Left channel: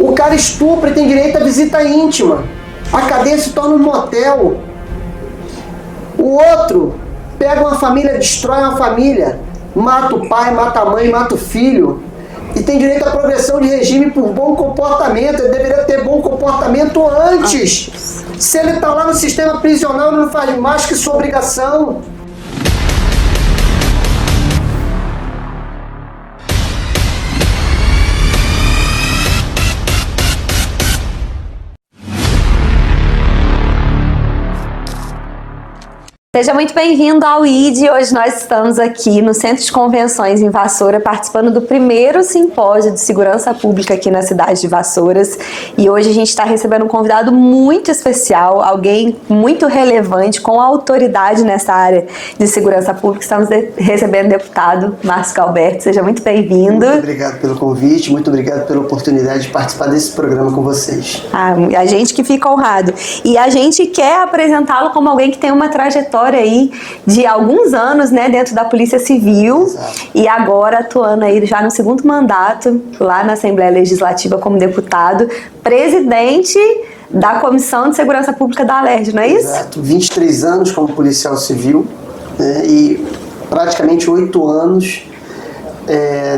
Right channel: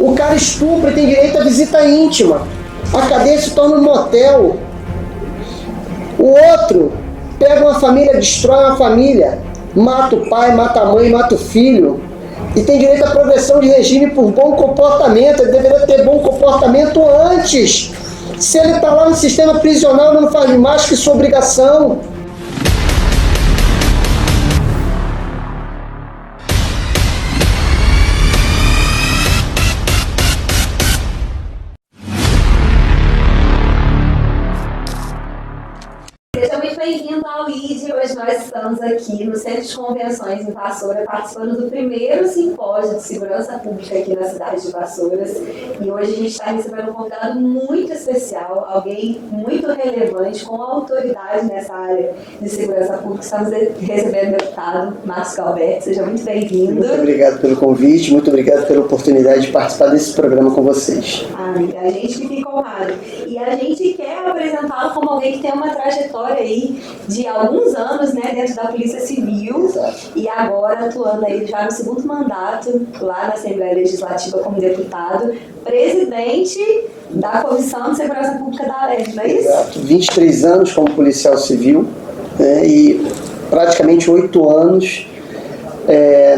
O cara estupra e tem direito à visita íntima. A cadeia se torna um motel. O outro pega uma família, destrói uma família, mata o pai, mata a mãe, mata o filho. E tem direito à progressão de regime por bom comportamento. Ele deveria ter bom comportamento antes. Se ele está lá no sistema prisional, ele não faz mais que sua obrigação. Seja muito bem-vindo ao ID. Hoje nós estamos aqui no Centro de Convenções em Vassoura, participando do primeiro simpósio de segurança pública aqui na cidade de Vassouras. E hoje a gente está recebendo um convidado muito especial, alguém muito relevante, com autoridade nessa área de segurança pública. Estamos recebendo o deputado Márcio Galberto. Seja muito bem-vindo. Muito obrigado pelo convite, muito obrigado pela oportunidade de participar desse programa com vocês. A gente que fica honrado. E a gente quer apresentá-lo como alguém que tem uma trajetória aí de alguns anos, né, dentro da Polícia Civil. Exato. E agora atuando aí já no segundo mandato lá na Assembleia Legislativa como deputado, presidente da Comissão de Segurança Pública da Alerj, não é isso? Exato, 23 anos como policial civil, né, e praticamente 8 anos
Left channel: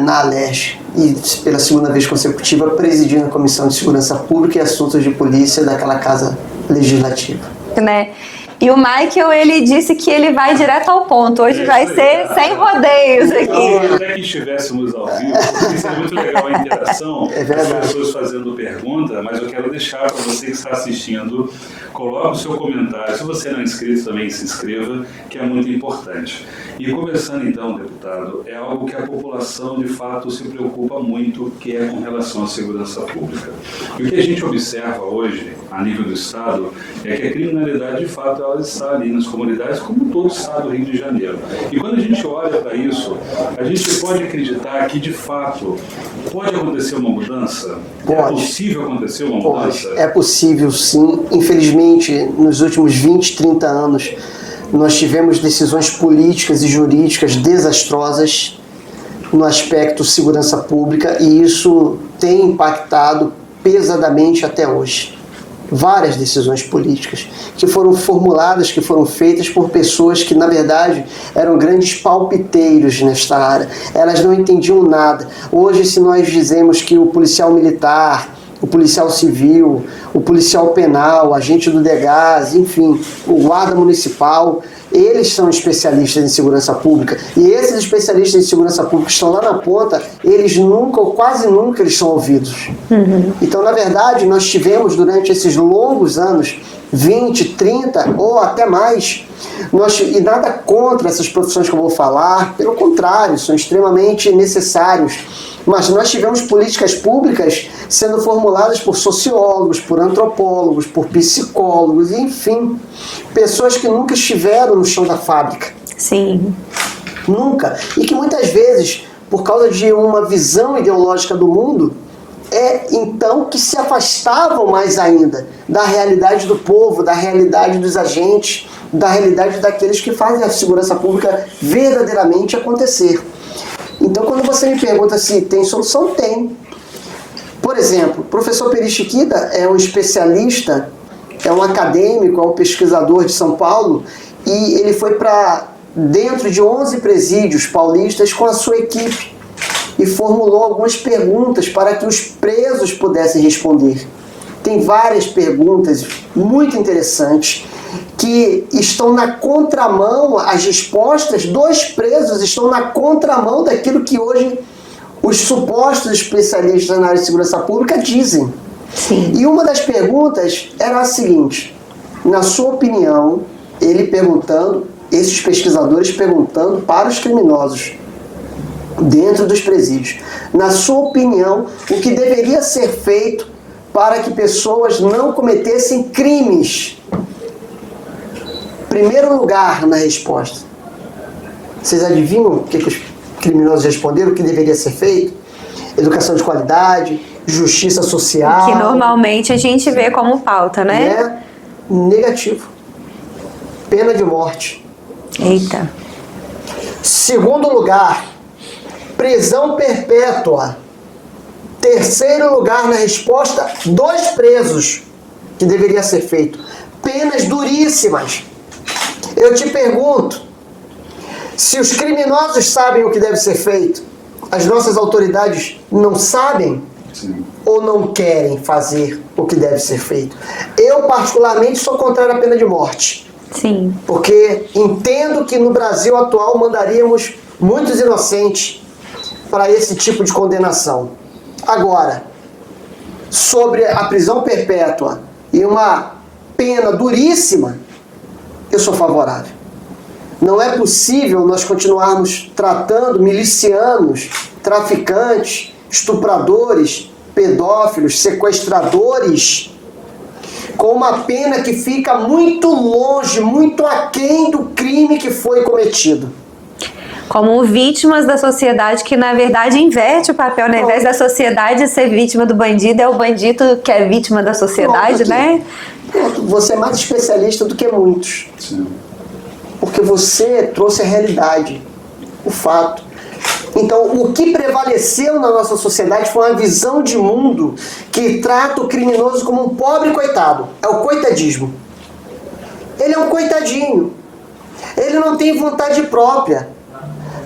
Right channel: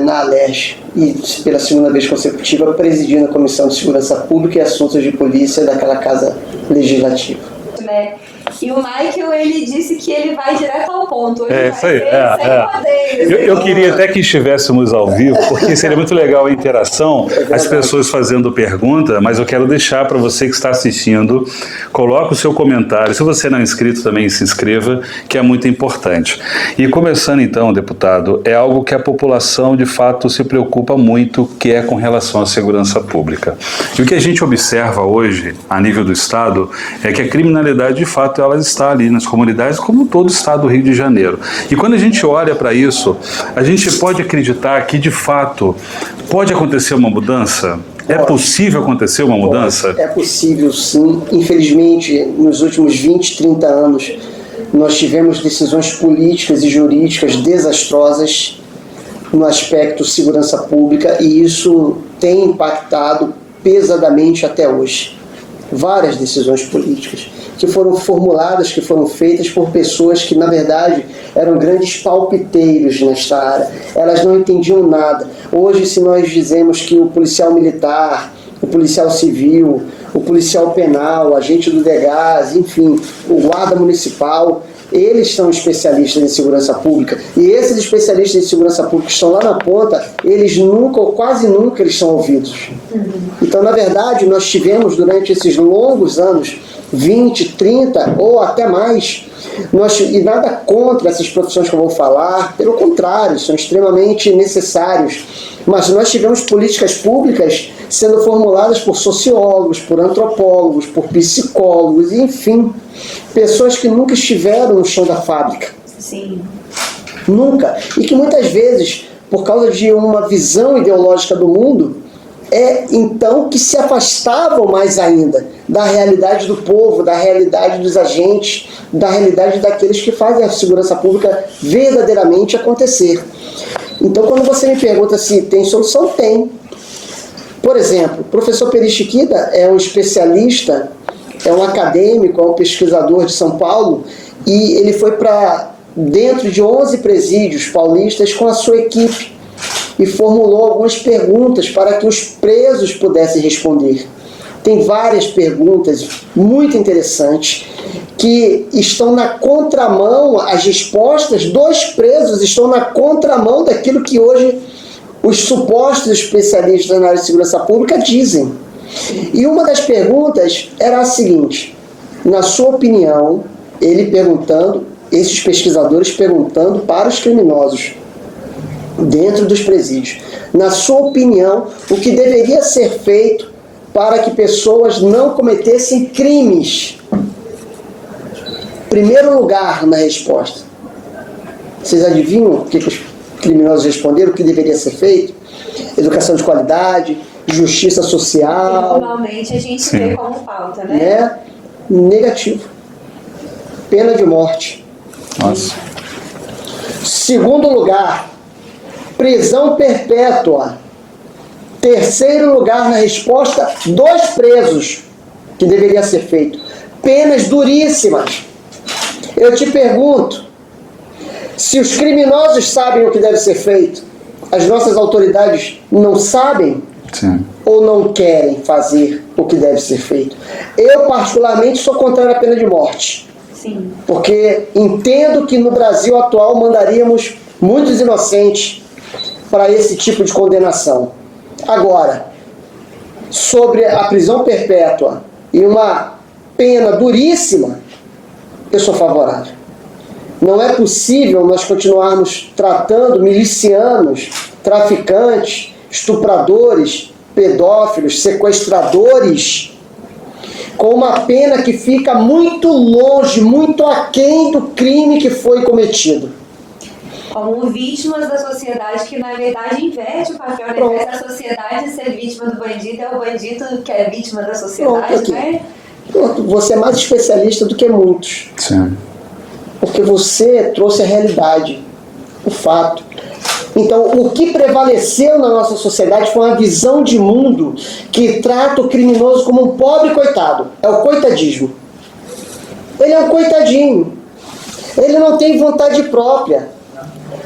na Alerj, e pela segunda vez consecutiva presidindo a Comissão de Segurança Pública e Assuntos de Polícia daquela Casa Legislativa. Né? E o Michael, ele disse que ele vai direto ao ponto. Hoje vai ser sem rodeios. Eu queria até que estivéssemos ao vivo, porque seria muito legal a interação, as pessoas fazendo pergunta, mas eu quero deixar para você que está assistindo, coloque o seu comentário. Se você não é inscrito, também se inscreva, que é muito importante. E começando então, deputado, é algo que a população de fato se preocupa muito, que é com relação à segurança pública. E o que a gente observa hoje, a nível do Estado, é que a criminalidade de fato ela está ali nas comunidades, como todo o estado do Rio de Janeiro. E quando a gente olha para isso, a gente pode acreditar que, de fato, pode acontecer uma mudança? Pode. É possível acontecer uma mudança? É possível, sim. Infelizmente, nos últimos 20, 30 anos, nós tivemos decisões políticas e jurídicas desastrosas no aspecto segurança pública, e isso tem impactado pesadamente até hoje. Várias decisões políticas que foram formuladas, que foram feitas por pessoas que, na verdade, eram grandes palpiteiros nesta área. Elas não entendiam nada. Hoje, se nós dizemos que o policial militar, o policial civil, o policial penal, o agente do DEGAS, enfim, o guarda municipal, eles são especialistas em segurança pública. E esses especialistas em segurança pública que estão lá na ponta, eles nunca, ou quase nunca, eles são ouvidos. Então, na verdade, nós tivemos durante esses longos anos, 20, 30 ou até mais, e nada contra essas profissões que eu vou falar, pelo contrário, são extremamente necessários. Mas nós tivemos políticas públicas sendo formuladas por sociólogos, por antropólogos, por psicólogos, enfim, pessoas que nunca estiveram no chão da fábrica. Sim. Nunca. E que muitas vezes, por causa de uma visão ideológica do mundo, então que se afastavam mais ainda da realidade do povo, da realidade dos agentes, da realidade daqueles que fazem a segurança pública verdadeiramente acontecer. Então, quando você me pergunta se tem solução, tem. Por exemplo, o professor Peri Chiquida é um especialista, é um acadêmico, é um pesquisador de São Paulo, e ele foi para dentro de 11 presídios paulistas com a sua equipe e formulou algumas perguntas para que os presos pudessem responder. Tem várias perguntas muito interessantes que estão na contramão, as respostas dos presos estão na contramão daquilo que hoje os supostos especialistas na área de segurança pública dizem. Sim. E uma das perguntas era a seguinte: na sua opinião, esses pesquisadores perguntando para os criminosos dentro dos presídios, na sua opinião, o que deveria ser feito para que pessoas não cometessem crimes? Primeiro lugar na resposta. Vocês adivinham o que os criminosos responderam, o que deveria ser feito? Educação de qualidade, justiça social. Que normalmente a gente vê como pauta, né? Negativo. Pena de morte. Eita. Segundo lugar, prisão perpétua. Terceiro lugar na resposta, 2 presos, que deveria ser feito. Penas duríssimas. Eu te pergunto, se os criminosos sabem o que deve ser feito, as nossas autoridades não sabem? Sim. Ou não querem fazer o que deve ser feito? Eu, particularmente, sou contrário à pena de morte. Sim. Porque entendo que no Brasil atual mandaríamos muitos inocentes para esse tipo de condenação. Agora, sobre a prisão perpétua e uma pena duríssima, eu sou favorável. Não é possível nós continuarmos tratando milicianos, traficantes, estupradores, pedófilos, sequestradores, com uma pena que fica muito longe, muito aquém do crime que foi cometido. Como vítimas da sociedade, que na verdade inverte o papel, né? Ao invés da sociedade ser vítima do bandido, é o bandido que é vítima da sociedade, né? Você é mais especialista do que muitos. Sim. Porque você trouxe a realidade, o fato. Então, o que prevaleceu na nossa sociedade foi uma visão de mundo que trata o criminoso como um pobre coitado. É o coitadismo. Ele é um coitadinho. Ele não tem vontade própria.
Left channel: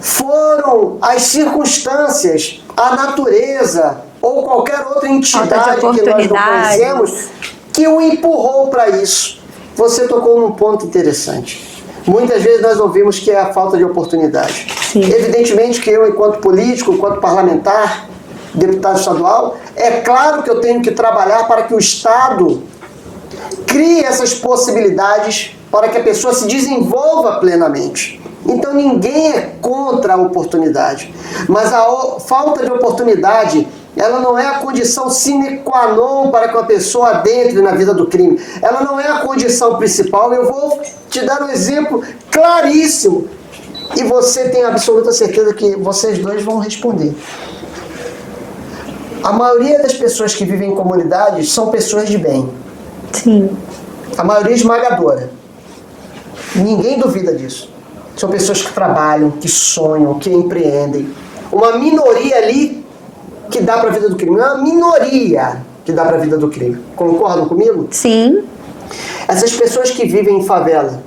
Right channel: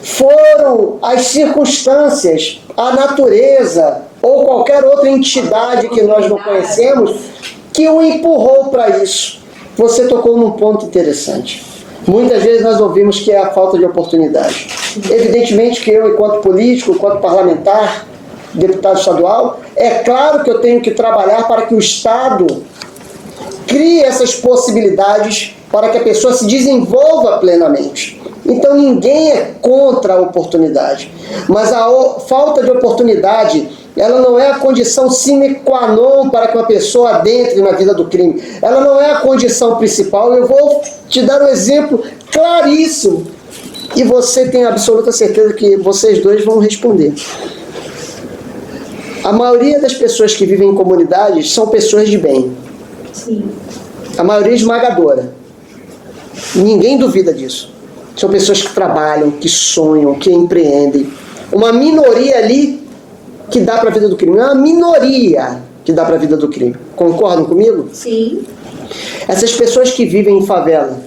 Foram as circunstâncias, a natureza ou qualquer outra entidade que nós não conhecemos que o empurrou para isso. Você tocou num ponto interessante. Muitas vezes nós ouvimos que é a falta de oportunidade. Sim. Evidentemente que eu, enquanto político, enquanto parlamentar, deputado estadual, é claro que eu tenho que trabalhar para que o Estado crie essas possibilidades para que a pessoa se desenvolva plenamente. Então ninguém é contra a oportunidade, mas a falta de oportunidade, ela não é a condição sine qua non para que uma pessoa adentre na vida do crime. Ela não é a condição principal. Eu vou te dar um exemplo claríssimo e você tem absoluta certeza que vocês dois vão responder. A maioria das pessoas que vivem em comunidades são pessoas de bem. Sim. A maioria esmagadora. Ninguém duvida disso. São pessoas que trabalham, que sonham, que empreendem. Uma minoria ali que dá para a vida do crime. Uma minoria que dá para a vida do crime. Concordam comigo? Sim. Essas pessoas que vivem em favela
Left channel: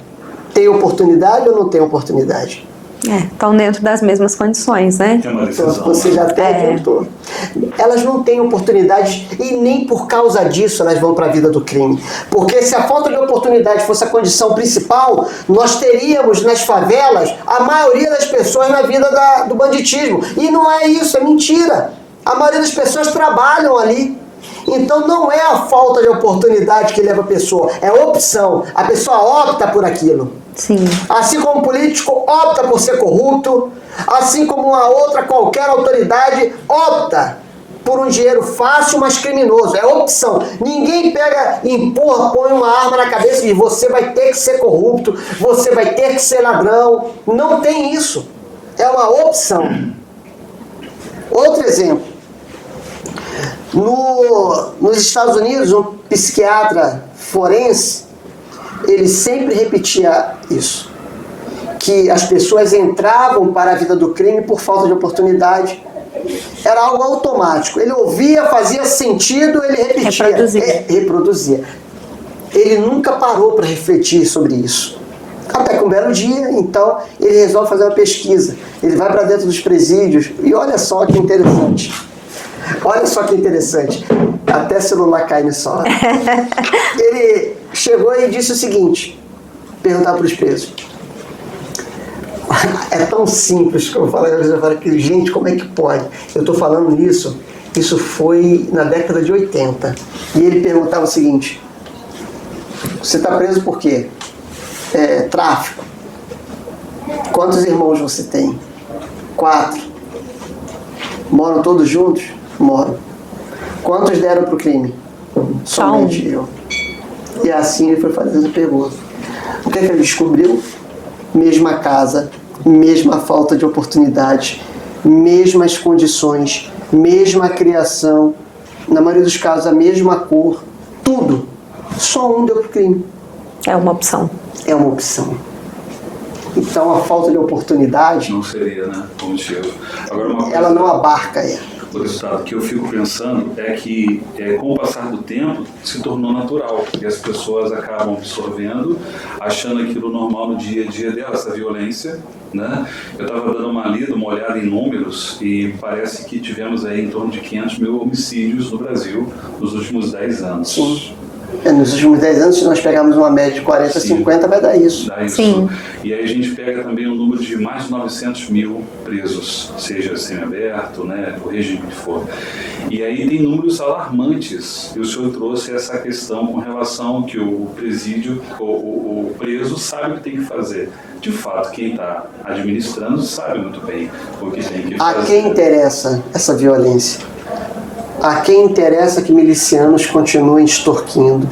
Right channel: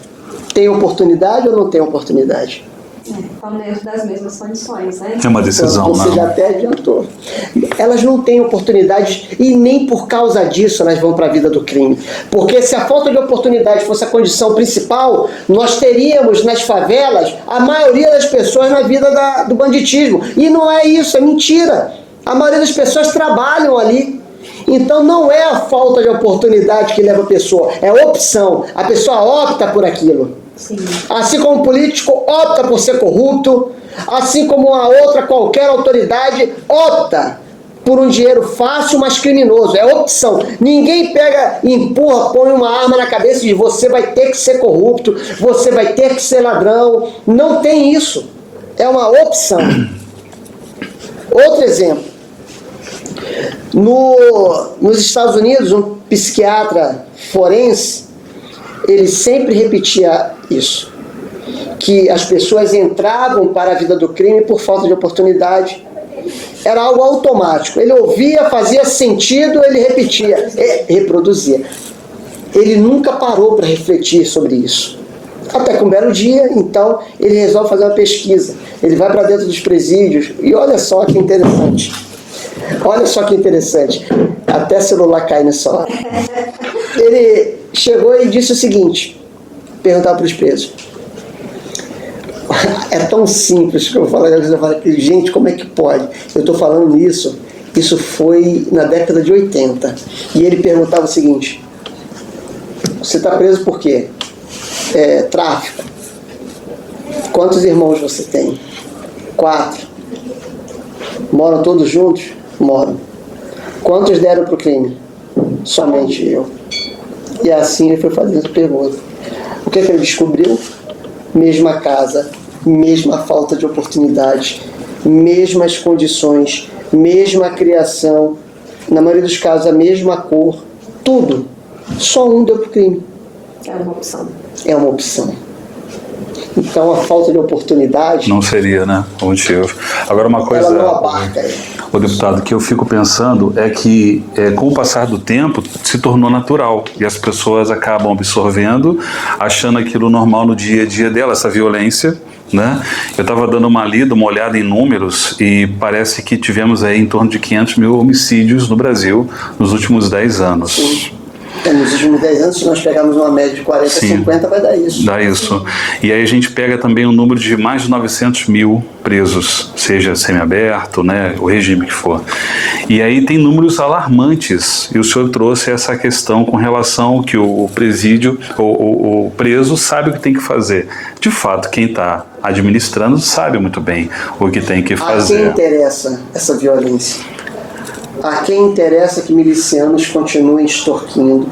têm oportunidade ou não têm oportunidade? Estão dentro das mesmas condições, né? Tem uma decisão, Então, você não. já até adiantou. Elas não têm oportunidade e nem por causa disso elas vão para a vida do crime. Porque se a falta de oportunidade fosse a condição principal, nós teríamos nas favelas a maioria das pessoas na vida do banditismo. E não é isso, é mentira. A maioria das pessoas trabalham ali. Então não é a falta de oportunidade que leva a pessoa, é a opção. A pessoa opta por aquilo. Sim. Assim como o político opta por ser corrupto, assim como uma outra qualquer autoridade opta por um dinheiro fácil, mas criminoso. É opção. Ninguém pega, empurra, põe uma arma na cabeça e diz: você vai ter que ser corrupto, você vai ter que ser ladrão. Não tem isso. É uma opção. Outro exemplo. Nos Estados Unidos, um psiquiatra forense, ele sempre repetia isso, que as pessoas entravam para a vida do crime por falta de oportunidade. Era algo automático. Ele ouvia, fazia sentido, ele repetia. Reproduzia. Ele nunca parou para refletir sobre isso. Até que um belo dia, então, ele resolve fazer uma pesquisa. Ele vai para dentro dos presídios e olha só que interessante. Olha só que interessante. Até celular cai nessa hora. Ele chegou e disse o seguinte, perguntar para os presos. É tão simples que eu falo, gente, como é que pode? Eu estou falando nisso, isso foi na década de 80. E ele perguntava o seguinte: você está preso por quê? Tráfico. Quantos irmãos você tem? 4. Moram todos juntos? Moram. Quantos deram pro crime? Somente eu. E assim ele foi fazendo a pergunta. O que ele descobriu? Mesma casa, mesma falta de oportunidade, mesmas condições, mesma criação, na maioria dos casos a mesma cor, tudo. Só um deu pro crime. É uma opção. É uma opção. Então a falta de oportunidade não seria, né, o motivo. Agora uma coisa, ela não abarca ele. o deputado, que eu fico pensando é que, com o passar do tempo, se tornou natural e as pessoas acabam absorvendo, achando aquilo normal no dia a dia dela, essa violência, né? Eu estava dando uma olhada em números e parece que tivemos aí em torno de 500 mil homicídios no Brasil nos últimos 10 anos. Sim. Nos últimos 10 anos, se nós pegarmos uma média de 40 a 50, vai dar isso. Dá isso. Sim. E aí a gente pega também o número de mais de 900 mil presos, seja semiaberto, né, o regime que for. E aí tem números alarmantes, e o senhor trouxe essa questão com relação ao que o presídio, o preso sabe o que tem que fazer. De fato, quem está administrando sabe muito bem o que tem que fazer. A quem interessa essa violência? A quem interessa que milicianos continuem extorquindo?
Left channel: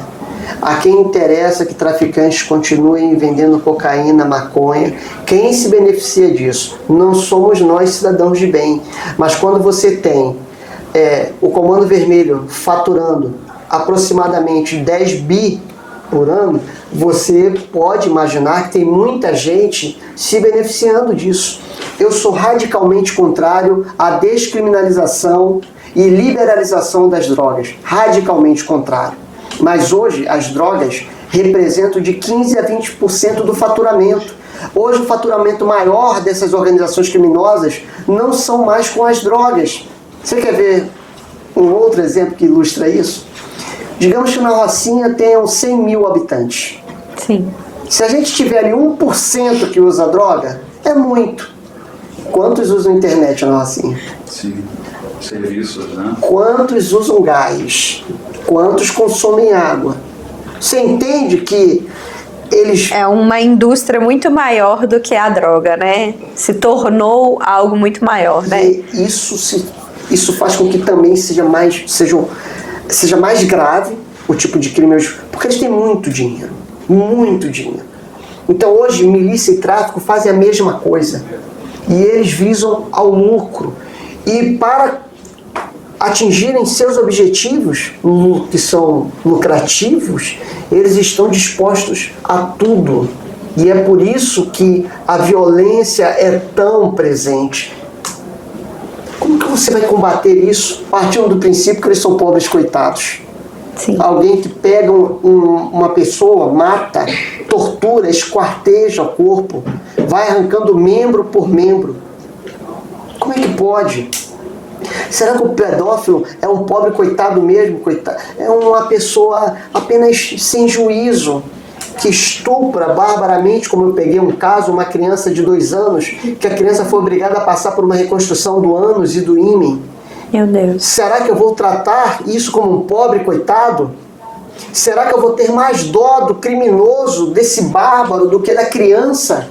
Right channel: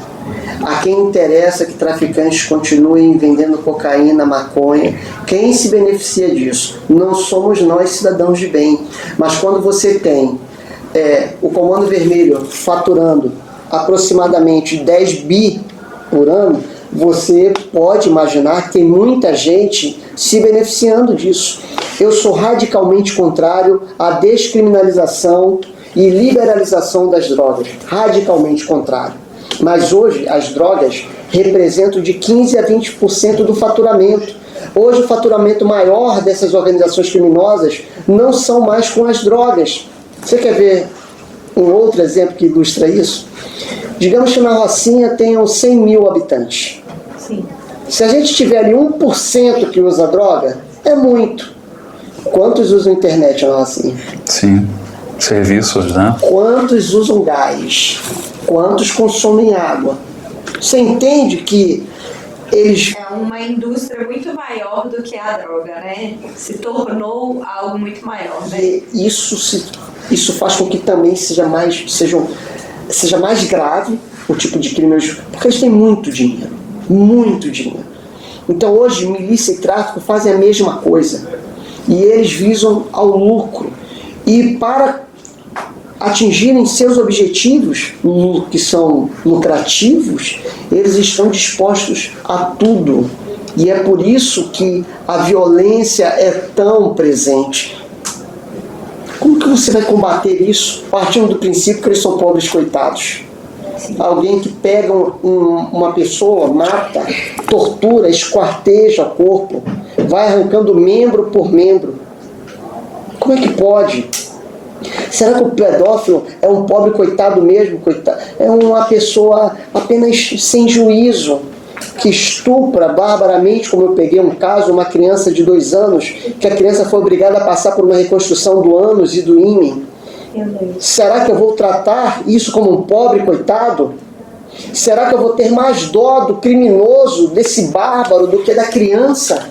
A quem interessa que traficantes continuem vendendo cocaína, maconha? Quem se beneficia disso? Não somos nós, cidadãos de bem. Mas quando você tem o Comando Vermelho faturando aproximadamente 10 bi por ano, você pode imaginar que tem muita gente se beneficiando disso. Eu sou radicalmente contrário à descriminalização e liberalização das drogas, radicalmente contrário. Mas hoje as drogas representam de 15% a 20% do faturamento. Hoje o faturamento maior dessas organizações criminosas não são mais com as drogas. Você quer ver um outro exemplo que ilustra isso? Digamos que na Rocinha tenham 100 mil habitantes. Sim. Se a gente tiver ali 1% que usa droga, é muito. Quantos usam internet na Rocinha? Sim. Serviços, né? Quantos usam gás? Quantos consomem água? Você entende que eles... É uma indústria muito maior do que a droga, né? Se tornou algo muito maior, né? E isso faz com que também seja mais grave o tipo de crime, porque eles têm muito dinheiro. Muito dinheiro. Então hoje milícia e tráfico fazem a mesma coisa. E eles visam ao lucro. E para atingirem seus objetivos, que são lucrativos, eles estão dispostos a tudo. E é por isso que a violência é tão presente. Como que você vai combater isso partindo do princípio que eles são pobres coitados? Sim. Alguém que pega uma pessoa, mata, tortura, esquarteja o corpo, vai arrancando membro por membro. Como é que pode? Será que o pedófilo é um pobre coitado mesmo? É uma pessoa apenas sem juízo, que estupra barbaramente, como eu peguei um caso, uma criança de 2 anos, que a criança foi obrigada a passar por uma reconstrução do ânus e do ímen. Meu Deus. Será que eu vou tratar isso como um pobre coitado? Será que eu vou ter mais dó do criminoso, desse bárbaro, do que da criança?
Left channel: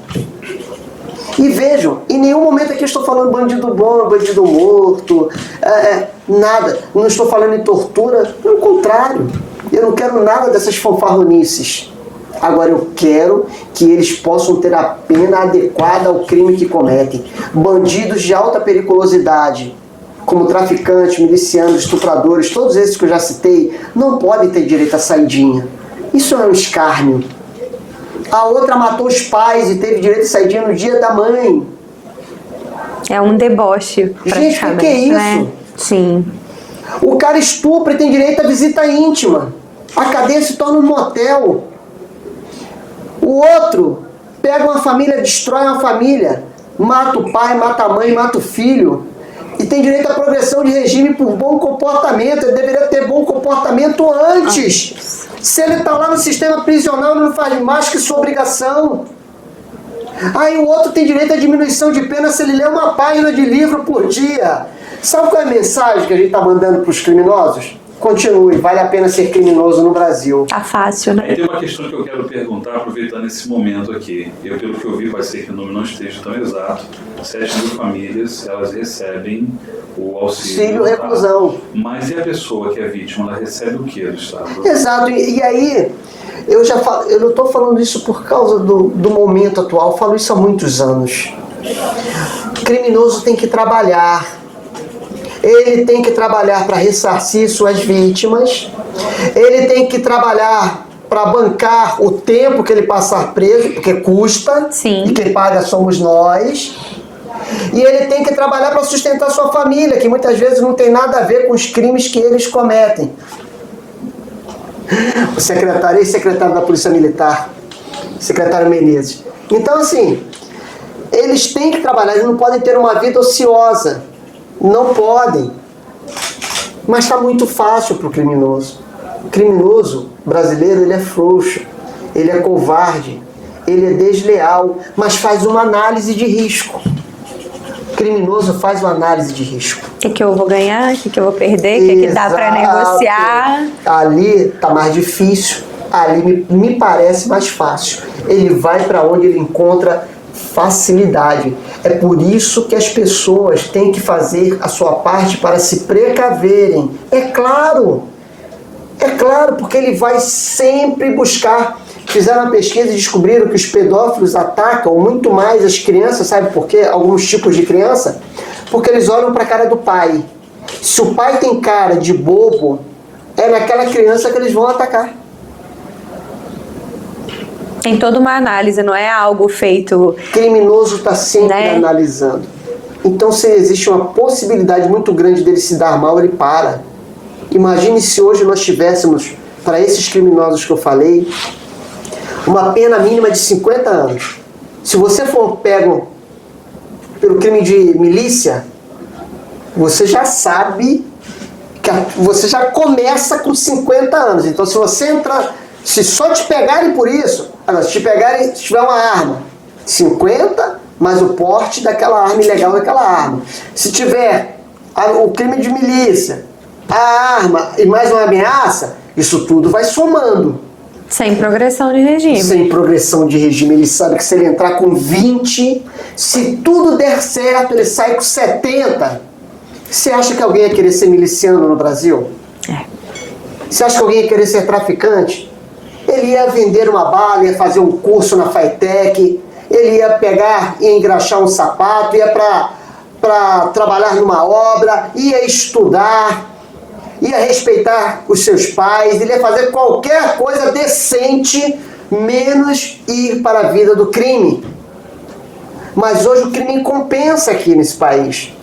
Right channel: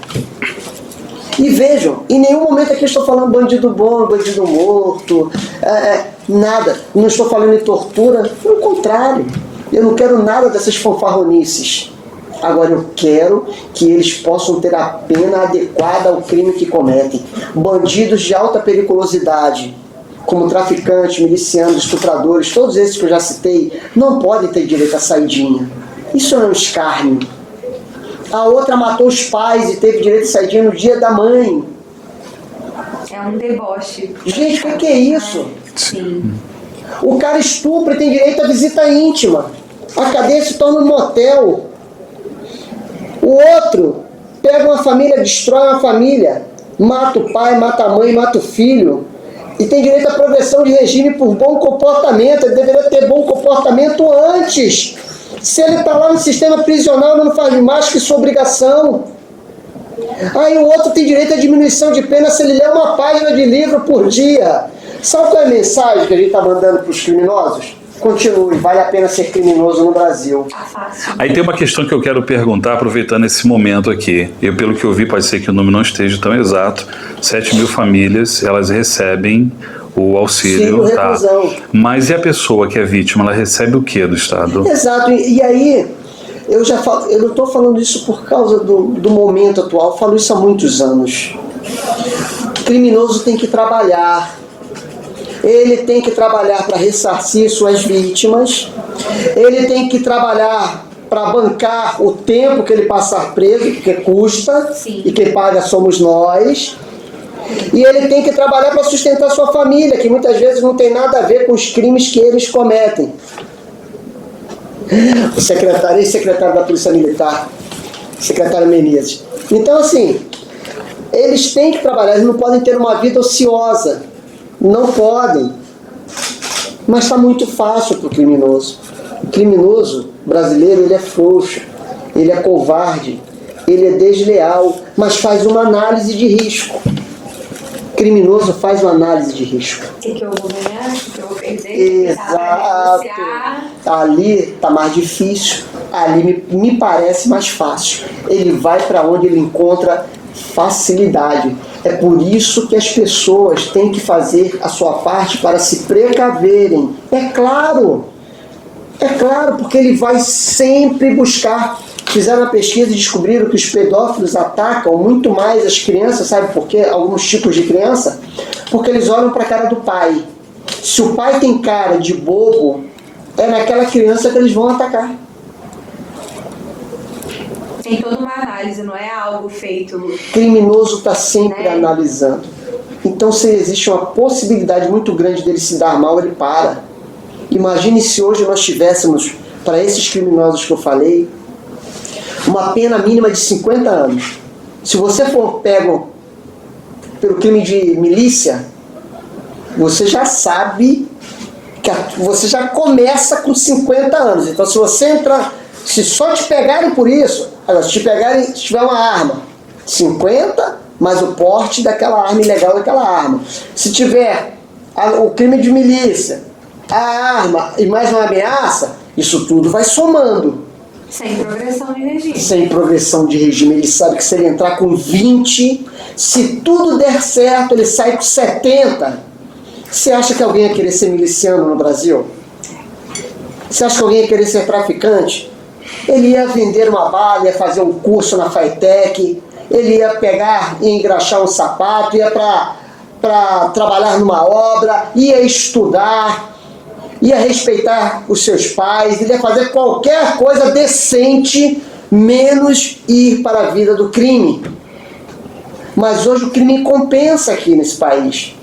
E vejam, em nenhum momento aqui eu estou falando bandido bom, bandido morto, nada. Não estou falando em tortura, pelo contrário. Eu não quero nada dessas fanfarronices. Agora eu quero que eles possam ter a pena adequada ao crime que cometem. Bandidos de alta periculosidade, como traficantes, milicianos, estupradores, todos esses que eu já citei, não podem ter direito à saidinha. Isso é um escárnio. A outra matou os pais e teve direito à saidinha no dia da mãe. É um deboche. Gente, o que é isso? Né? Sim. O cara estupra e tem direito à visita íntima. A cadeia se torna um motel. O outro pega uma família, destrói uma família, mata o pai, mata a mãe, mata o filho. E tem direito à progressão de regime por bom comportamento. Ele deveria ter bom comportamento antes. Se ele está lá no sistema prisional, ele não faz mais que sua obrigação. Aí o outro tem direito à diminuição de pena se ele ler uma página de livro por dia. Sabe qual é a mensagem que a gente está mandando para os criminosos? Continue, vale a pena ser criminoso no Brasil. Tá fácil, né? Aí tem uma questão que eu quero perguntar, aproveitando esse momento aqui. Pelo que eu vi, pode ser que o número não esteja tão exato. 7 mil famílias, elas recebem o auxílio, tá? Mas e a pessoa que é vítima, ela recebe o que do Estado? Exato, e aí, eu não estou falando isso por causa do momento atual, eu falo isso há muitos anos. O criminoso tem que trabalhar, ele tem que trabalhar para ressarcir suas vítimas, ele tem que trabalhar para bancar o tempo que ele passar preso, porque custa. Sim. E quem paga somos nós. E ele tem que trabalhar para sustentar sua família, que muitas vezes não tem nada a ver com os crimes que eles cometem. O secretário, ex-secretário da Polícia Militar, secretário Menezes. Então, assim, eles têm que trabalhar, eles não podem ter uma vida ociosa. Não podem. Mas está muito fácil para o criminoso. O criminoso brasileiro, ele é frouxo, ele é covarde, ele é desleal, mas faz uma análise de risco. O criminoso faz uma análise de risco. O que eu vou ganhar? O que eu vou perder? O que dá para negociar? Ali está mais difícil, ali me parece mais fácil. Ele vai para onde ele encontra facilidade. É por isso que as pessoas têm que fazer a sua parte para se precaverem. É claro, porque ele vai sempre buscar. Fizeram uma pesquisa e descobriram que os pedófilos atacam muito mais as crianças, sabe por quê? Alguns tipos de criança, porque eles olham para a cara do pai. Se o pai tem cara de bobo, é naquela criança que eles vão atacar. Tem toda uma análise, não é algo feito... O criminoso está sempre analisando. Então, se existe uma possibilidade muito grande dele se dar mal, ele para. Imagine se hoje nós tivéssemos, para esses criminosos que eu falei, uma pena mínima de 50 anos. Se você for pego pelo crime de milícia, você já sabe que você já começa com 50 anos. Então, se você entrar, se só te pegarem por isso, agora, se te pegarem, se tiver uma arma, 50, mais o porte daquela arma ilegal daquela arma. Se tiver o crime de milícia, a arma e mais uma ameaça, isso tudo vai somando. Sem progressão de regime. Sem progressão de regime. Ele sabe que se ele entrar com 20, se tudo der certo, ele sai com 70. Você acha que alguém ia querer ser miliciano no Brasil? Você acha que alguém ia querer ser traficante? Ele ia vender uma bala, ia fazer um curso na FATEC, ele ia pegar e engraxar um sapato, ia para trabalhar numa obra, ia estudar, ia respeitar os seus pais, ele ia fazer qualquer coisa decente, menos ir para a vida do crime. Mas hoje o crime compensa aqui nesse país.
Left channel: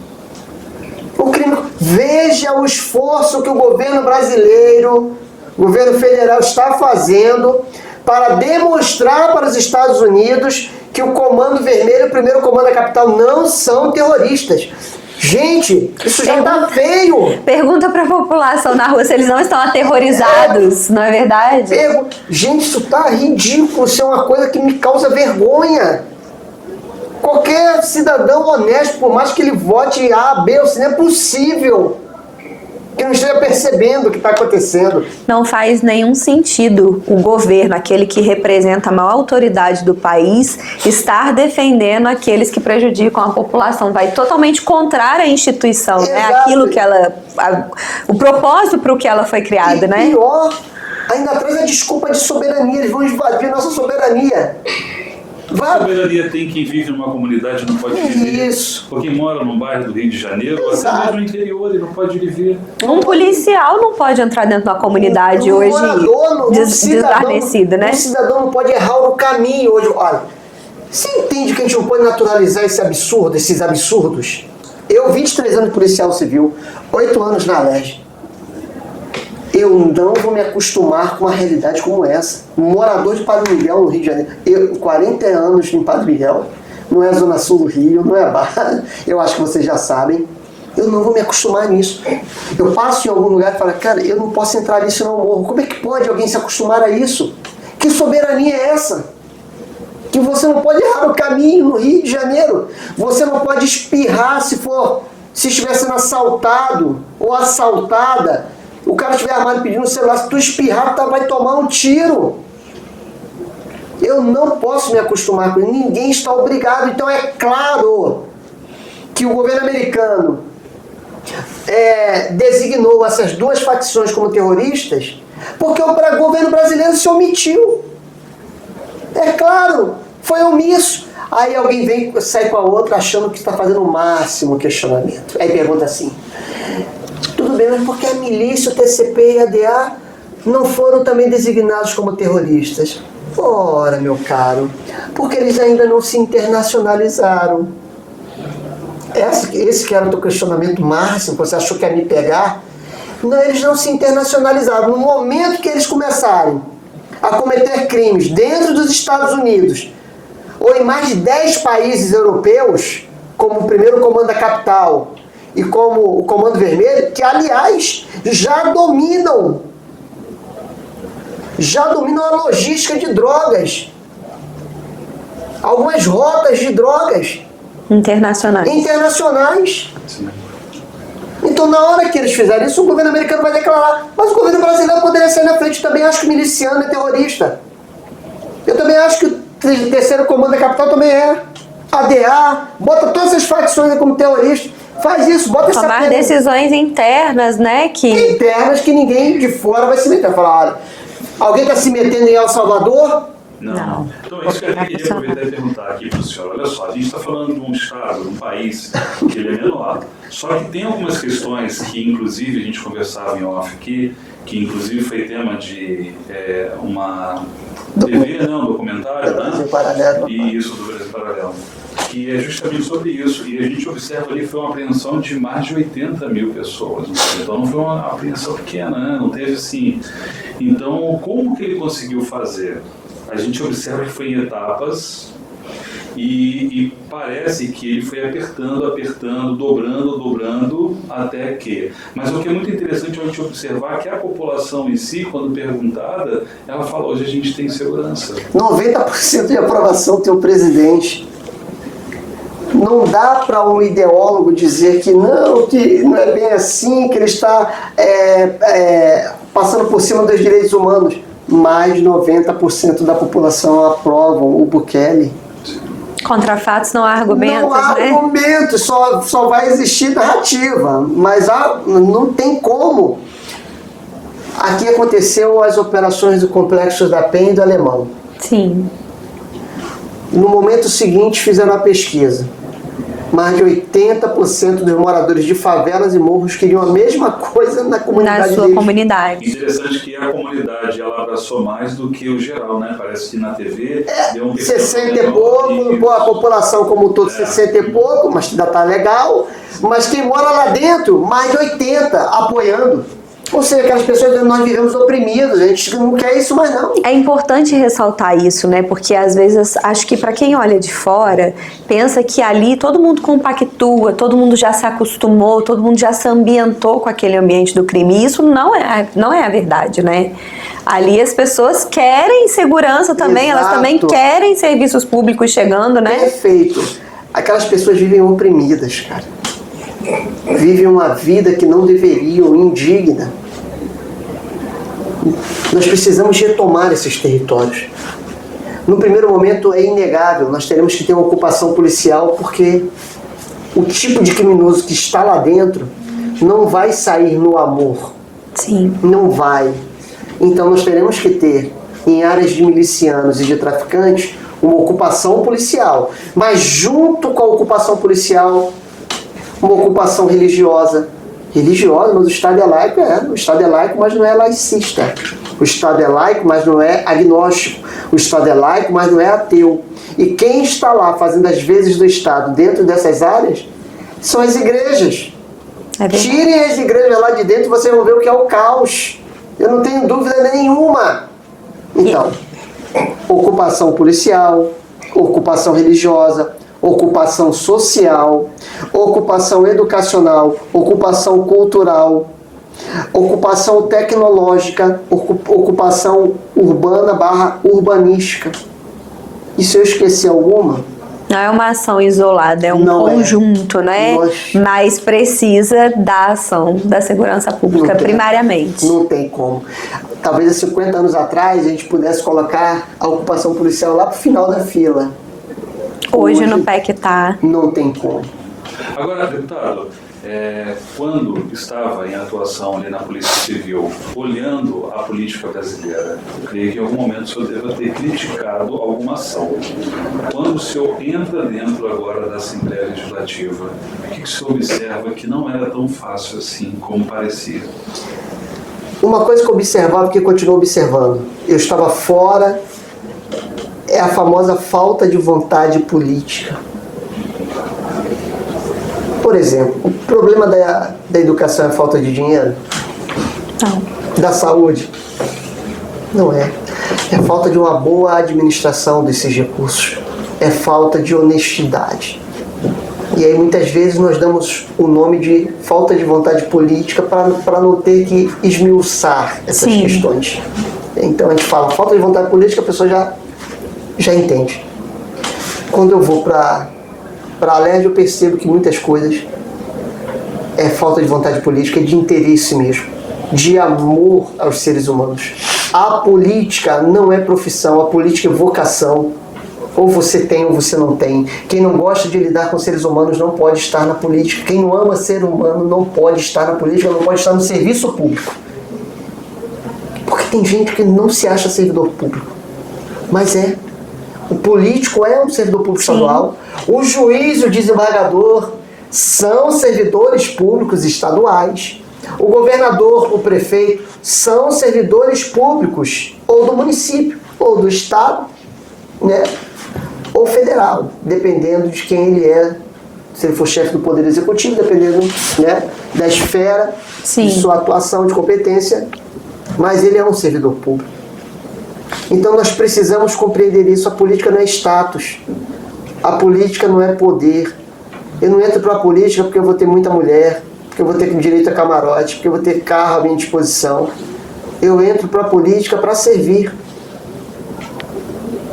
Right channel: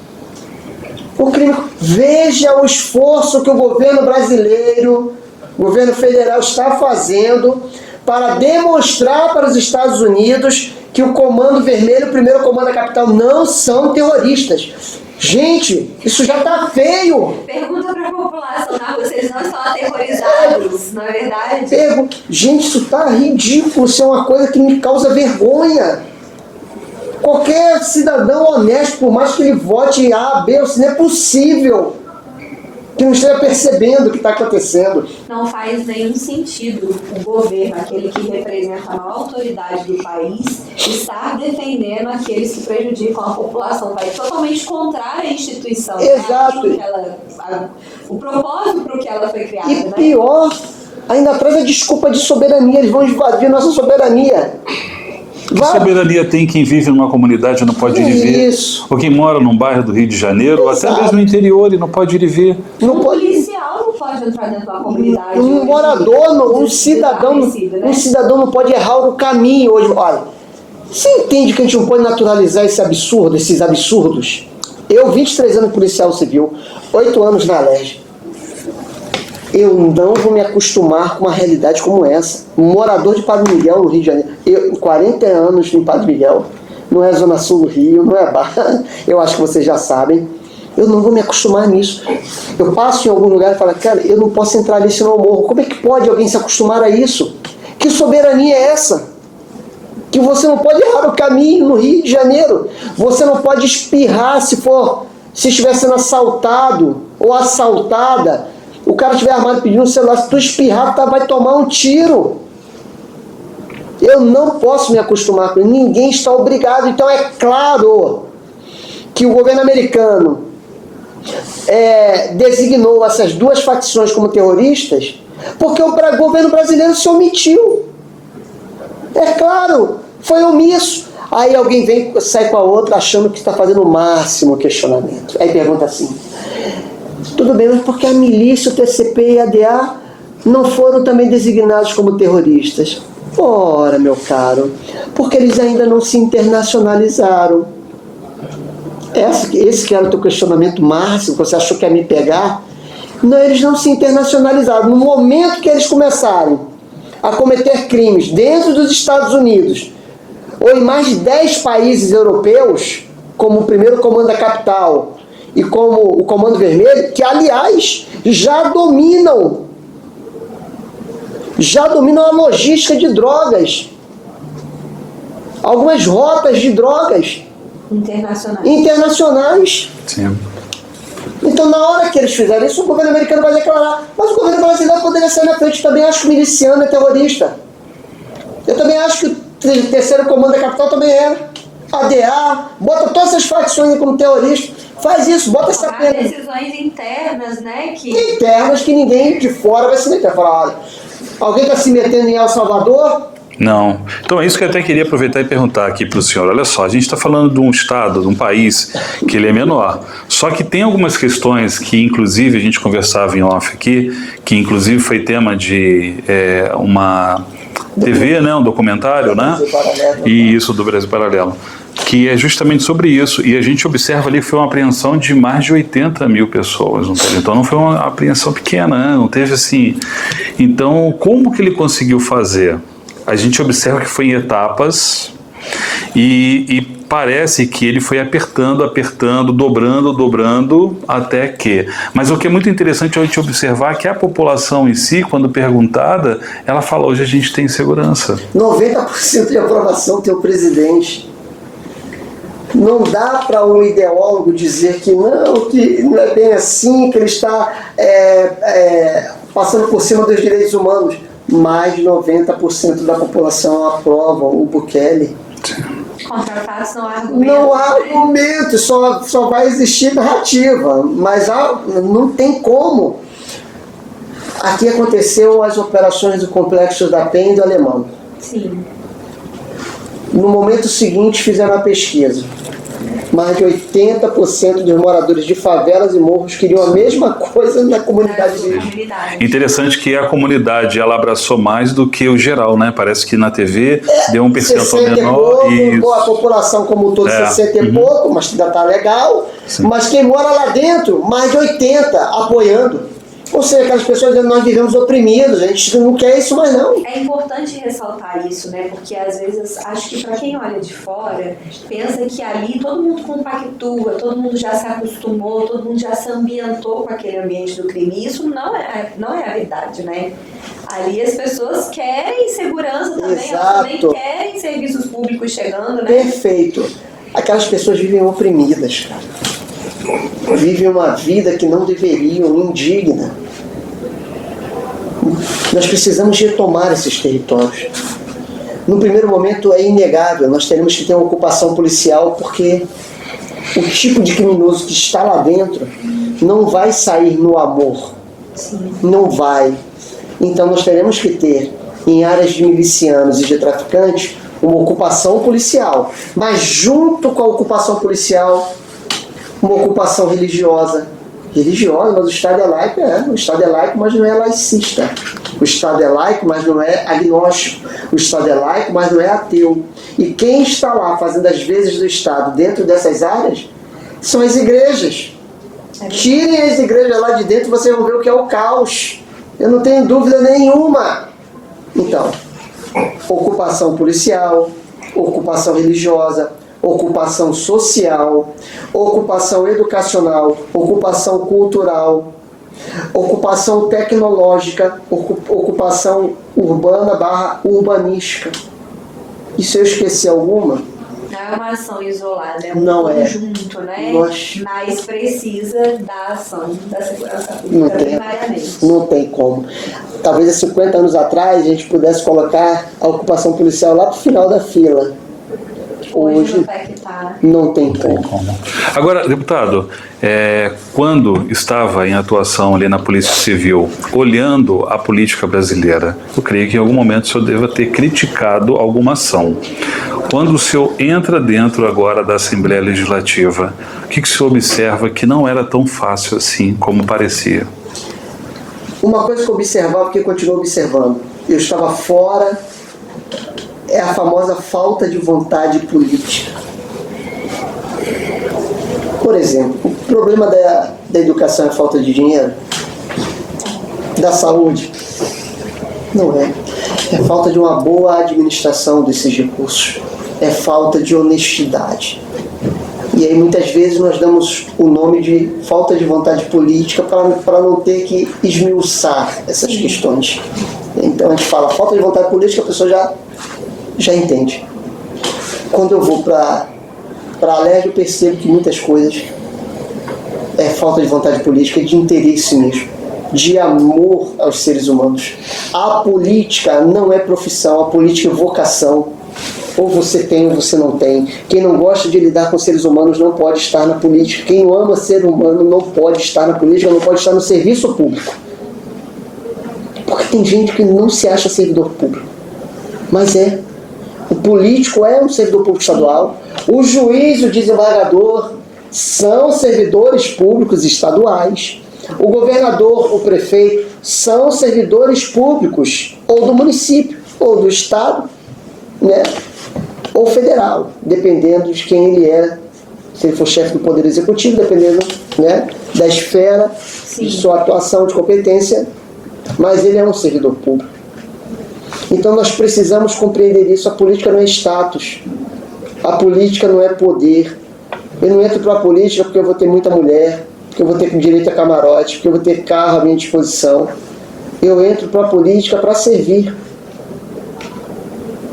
O crime... Veja o esforço que o governo brasileiro, o governo federal está fazendo para demonstrar para os Estados Unidos que o Comando Vermelho e o Primeiro Comando da Capital não são terroristas. Gente, isso já tá feio. Pergunta pra população na rua se eles não estão aterrorizados, não é verdade? Gente, isso tá ridículo. Isso é uma coisa que me causa vergonha. Qualquer cidadão honesto, por mais que ele vote A, B, ou C, não é possível que não esteja percebendo o que está acontecendo. Não faz nenhum sentido o governo, aquele que representa a maior autoridade do país, estar defendendo aqueles que prejudicam a população. Vai totalmente contrário à instituição, né? Aquilo que ela... o propósito para o que ela foi criada, né? E pior, ainda traz a desculpa de soberania. Eles vão invadir a nossa soberania. Que soberania tem quem vive numa comunidade e não pode ir ver? Isso. Ou quem mora num bairro do Rio de Janeiro, ou até mesmo no interior e não pode ir ver. Um policial não pode entrar dentro da comunidade hoje desguarnecido, né? Um cidadão não pode errar no caminho hoje. Olha, você entende que a gente não pode naturalizar esse absurdo, esses absurdos? Eu, 23 anos de policial civil, 8 anos na Alerj. Eu não vou me acostumar com uma realidade como essa. Um morador de Padre Miguel, no Rio de Janeiro. Eu, 40 anos em Padre Miguel, não é a Zona Sul do Rio, não é Barra. Eu acho que vocês já sabem. Eu não vou me acostumar nisso. Eu passo em algum lugar e falo, cara, eu não posso entrar ali senão eu morro. Como é que pode alguém se acostumar a isso? Que soberania é essa? Que você não pode errar o caminho no Rio de Janeiro. Você não pode espirrar se estiver sendo assaltado ou assaltada. O cara estiver armado pedindo um celular, se tu espirrar, vai tomar um tiro. Eu não posso me acostumar com isso. Ninguém está obrigado. Então é claro que o governo americano designou essas duas facções como terroristas porque o governo brasileiro se omitiu. É claro, foi omisso. Aí alguém vem, sai com a outra achando que está fazendo o máximo questionamento. Aí pergunta assim... Tudo bem, mas por que a milícia, o TCP e a ADA não foram também designados como terroristas? Ora, meu caro, porque eles ainda não se internacionalizaram. esse que era o teu questionamento máximo, que você achou que ia me pegar, não, eles não se internacionalizaram. No momento que eles começarem a cometer crimes dentro dos Estados Unidos, ou em mais de 10 países europeus, como o primeiro Comando da Capital e como o Comando Vermelho, que aliás já dominam a logística de drogas, algumas rotas de drogas internacionais. Sim. Então, na hora que eles fizerem isso, o governo americano vai declarar. Mas o governo brasileiro poderia ser na frente. Também acho que o miliciano é terrorista. Eu também acho que o terceiro comando da capital também é. ADA, bota todas essas facções aí como terrorista. Faz isso, bota essa tomar decisões internas, né? Internas que ninguém de fora vai se meter. Falar, olha, alguém está se metendo em El Salvador? Não. Então é isso que eu até queria aproveitar e perguntar aqui para o senhor. Olha só, a gente está falando de um estado, de um país que ele é menor. Só que tem algumas questões que, inclusive, a gente conversava em off aqui, que inclusive foi tema de uma TV, né, um documentário, né? E isso, do Brasil Paralelo. Que é justamente sobre isso. E a gente observa ali que foi uma apreensão de mais de 80 mil pessoas. Então não foi uma apreensão pequena, né? Não teve assim... Então, como que ele conseguiu fazer? A gente observa que foi em etapas e parece que ele foi apertando, dobrando, até que... Mas o que é muito interessante é a gente observar que a população em si, quando perguntada, ela fala, hoje a gente tem segurança. 90% de aprovação do teu presidente. Não dá para um ideólogo dizer que não é bem assim, que ele está passando por cima dos direitos humanos. Mais de 90% da população aprovam o Bukele. Contra fatos não há argumentos, não há né? argumentos, só vai existir narrativa. Mas não tem como. Aqui aconteceu as operações do Complexo da Penha e do Alemão. Sim. No momento seguinte fizeram a pesquisa. Mais de 80% dos moradores de favelas e morros queriam a mesma coisa na comunidade. Na sua comunidade. Interessante que a comunidade ela abraçou mais do que o geral, né? Parece que na TV deu um percentual 60 menor. e pouco, a população como um todo 60 e pouco, mas ainda tá legal. Sim. Mas quem mora lá dentro, mais de 80 apoiando. Ou seja, aquelas pessoas dizendo, nós vivemos oprimidos, a gente não quer isso mais não. É importante ressaltar isso, né? Porque às vezes, acho que para quem olha de fora, pensa que ali todo mundo compactua, todo mundo já se acostumou, todo mundo já se ambientou com aquele ambiente do crime. E isso não é a verdade, né? Ali as pessoas querem segurança também, Exato. Elas também querem serviços públicos chegando, né? Perfeito. Aquelas pessoas vivem oprimidas, cara. Vivem uma vida que não deveriam, indigna. Nós precisamos retomar esses territórios. No primeiro momento é inegável, nós teremos que ter uma ocupação policial porque o tipo de criminoso que está lá dentro não vai sair no amor. Sim. Não vai. Então nós teremos que ter, em áreas de milicianos e de traficantes, uma ocupação policial. Mas junto com a ocupação policial, uma ocupação religiosa. Religiosa, mas o Estado é laico, O Estado é laico, mas não é laicista. O Estado é laico, mas não é agnóstico. O Estado é laico, mas não é ateu. E quem está lá fazendo as vezes do Estado dentro dessas áreas são as igrejas. Tirem as igrejas lá de dentro, vocês vão ver o que é o caos. Eu não tenho dúvida nenhuma. Então, ocupação policial, ocupação religiosa, ocupação social, ocupação educacional, ocupação cultural, ocupação tecnológica, ocupação urbana / urbanística. E se eu esqueci alguma? Não é uma ação isolada, é um conjunto, né? Mas precisa da ação da segurança pública primariamente. Não tem como. Talvez há 50 anos atrás a gente pudesse colocar a ocupação policial lá pro final da fila. Hoje no PEC tá. Não tem como. Agora, deputado, quando estava em atuação ali na Polícia Civil, olhando a política brasileira, eu creio que em algum momento o senhor deva ter criticado alguma ação. Quando o senhor entra dentro agora da Assembleia Legislativa, o que o senhor observa que não era tão fácil assim como parecia? Uma coisa que eu observava, que eu continuo observando, eu estava fora, é a famosa falta de vontade política. Por exemplo, o problema da educação é a falta de dinheiro? Não. Da saúde? Não é. É falta de uma boa administração desses recursos. É falta de honestidade. E aí muitas vezes nós damos o nome de falta de vontade política para não ter que esmiuçar essas questões. Então a gente fala falta de vontade política, a pessoa já entende. Quando eu vou para a LERJ, eu percebo que muitas coisas é falta de vontade política, de interesse mesmo, de amor aos seres humanos. A política não é profissão, a política é vocação. Ou você tem ou você não tem. Quem não gosta de lidar com seres humanos não pode estar na política. Quem não ama ser humano não pode estar na política, não pode estar no serviço público. Porque tem gente que não se acha servidor público. Mas é. O político é um servidor público estadual. O juiz e o desembargador são servidores públicos estaduais. O governador, o prefeito, são servidores públicos ou do município, ou do estado, né? Ou federal, dependendo de quem ele é. Se ele for chefe do Poder Executivo, dependendo, né, da esfera de sua atuação, de competência, mas ele é um servidor público. Então nós precisamos compreender isso. A política não é status, a política não é poder. Eu não entro para a política porque eu vou ter muita mulher, porque eu vou ter direito a camarote, porque eu vou ter carro à minha disposição. Eu entro para a política para servir.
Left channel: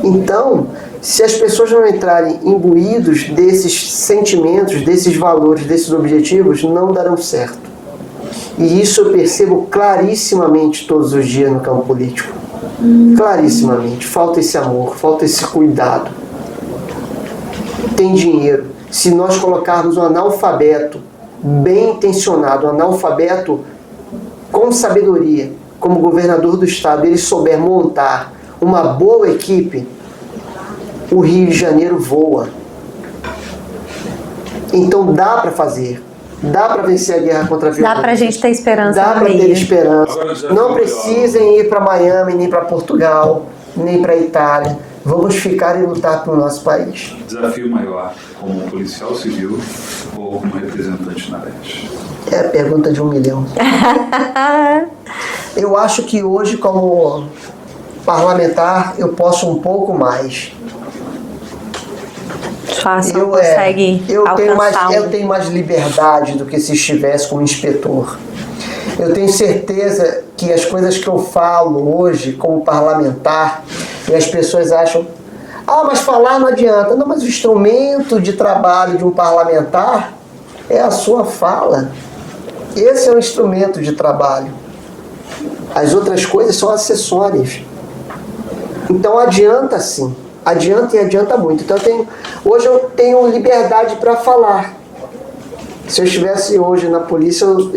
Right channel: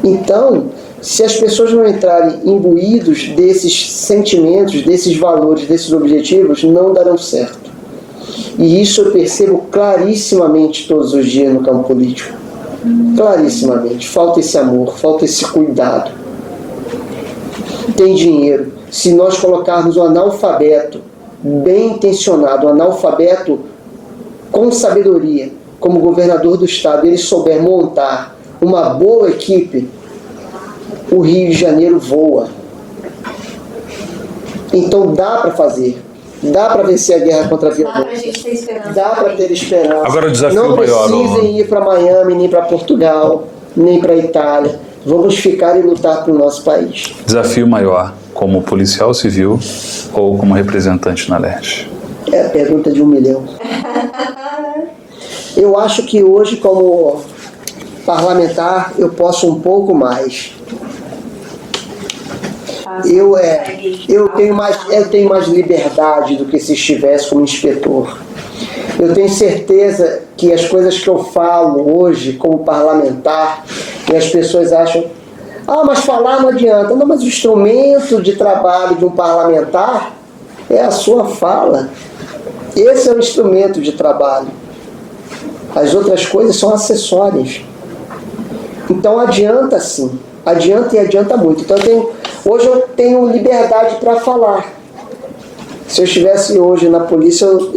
Então, se as pessoas não entrarem imbuídos desses sentimentos, desses valores, desses objetivos, não darão certo. E isso eu percebo clarissimamente todos os dias no campo político. Clarissimamente. Falta esse amor, falta esse cuidado. Tem dinheiro. Se nós colocarmos um analfabeto bem intencionado, um analfabeto com sabedoria, como governador do estado, ele souber montar uma boa equipe, o Rio de Janeiro voa. Então dá para fazer. Dá para vencer a guerra contra a violência. Dá para a gente ter esperança. Dá para ter esperança. Agora o desafio não maior, precisem ir para Miami, nem para Portugal, nem para Itália. Vamos ficar e lutar para o nosso país. Desafio maior, como policial civil ou como representante na LERJ? É a pergunta de 1 milhão. Eu acho que hoje, como parlamentar, eu posso um pouco mais. Eu tenho mais liberdade do que se estivesse como inspetor. Eu tenho certeza que as coisas que eu falo hoje como parlamentar, e as pessoas acham, mas falar não adianta. Não, mas o instrumento de trabalho de um parlamentar é a sua fala. Esse é o instrumento de trabalho. As outras coisas são acessórias. Então adianta sim. Adianta e adianta muito. Então hoje eu tenho liberdade para falar. Se eu estivesse hoje na polícia, eu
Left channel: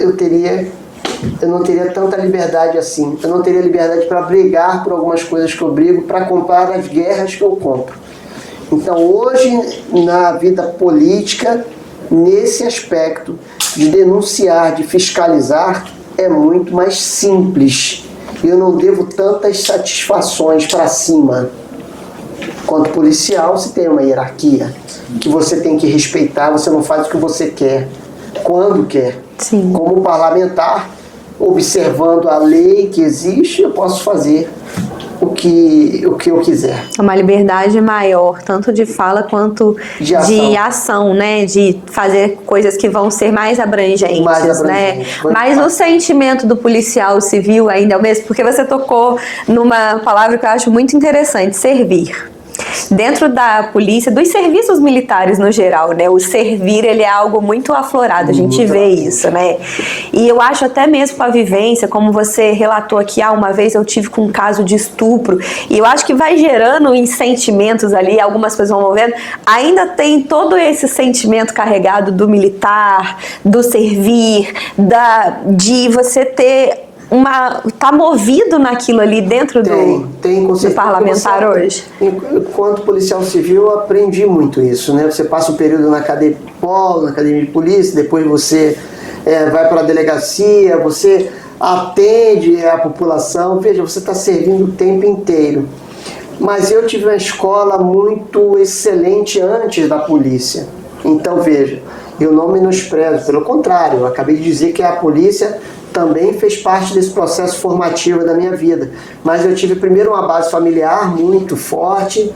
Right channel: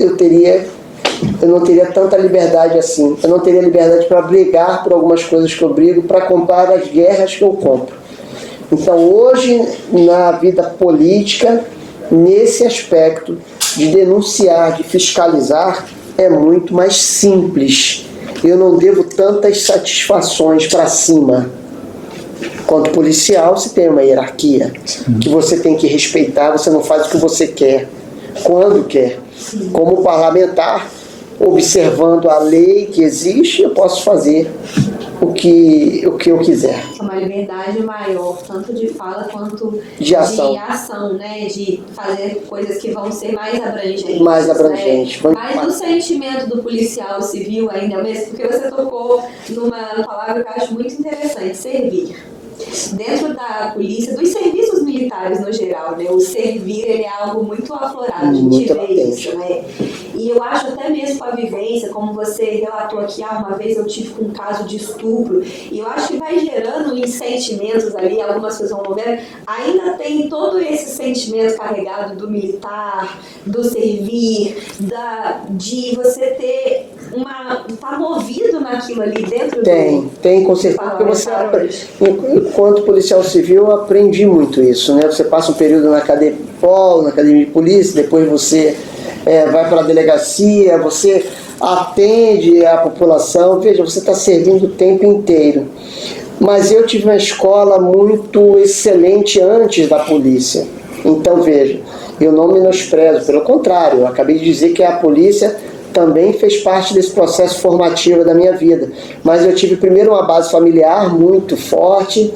não teria tanta liberdade assim. Eu não teria liberdade para brigar por algumas coisas que eu brigo, para comprar as guerras que eu compro. Então hoje, na vida política, nesse aspecto de denunciar, de fiscalizar, é muito mais simples. Eu não devo tantas satisfações para cima. Quanto policial, você tem uma hierarquia que você tem que respeitar, você não faz o que você quer, quando quer. Sim. Como parlamentar, observando a lei que existe, eu posso fazer o que eu quiser. É uma liberdade maior, tanto de fala quanto de ação, né? De fazer coisas que vão ser mais abrangentes, né? Mas o sentimento do policial civil ainda é o mesmo, porque você tocou numa palavra que eu acho muito interessante, servir. Dentro da polícia, dos serviços militares no geral, né? O servir, ele é algo muito aflorado, a gente vê isso, né? E eu acho até mesmo com a vivência, como você relatou aqui, uma vez eu tive com um caso de estupro, e eu acho que vai gerando em sentimentos ali, algumas coisas vão movendo, ainda tem todo esse sentimento carregado do militar, do servir, de você ter tá movido naquilo ali dentro do parlamentar hoje? Enquanto policial civil, eu aprendi muito isso, né? Você passa um período na academia de polícia, depois você vai para a delegacia, você atende a população, veja, você está servindo o tempo inteiro. Mas eu tive uma escola muito excelente antes da polícia. Então, veja, Eu não menosprezo, pelo contrário, eu acabei de dizer que a polícia também fez parte desse processo formativo da minha vida. Mas eu tive primeiro uma base familiar muito forte,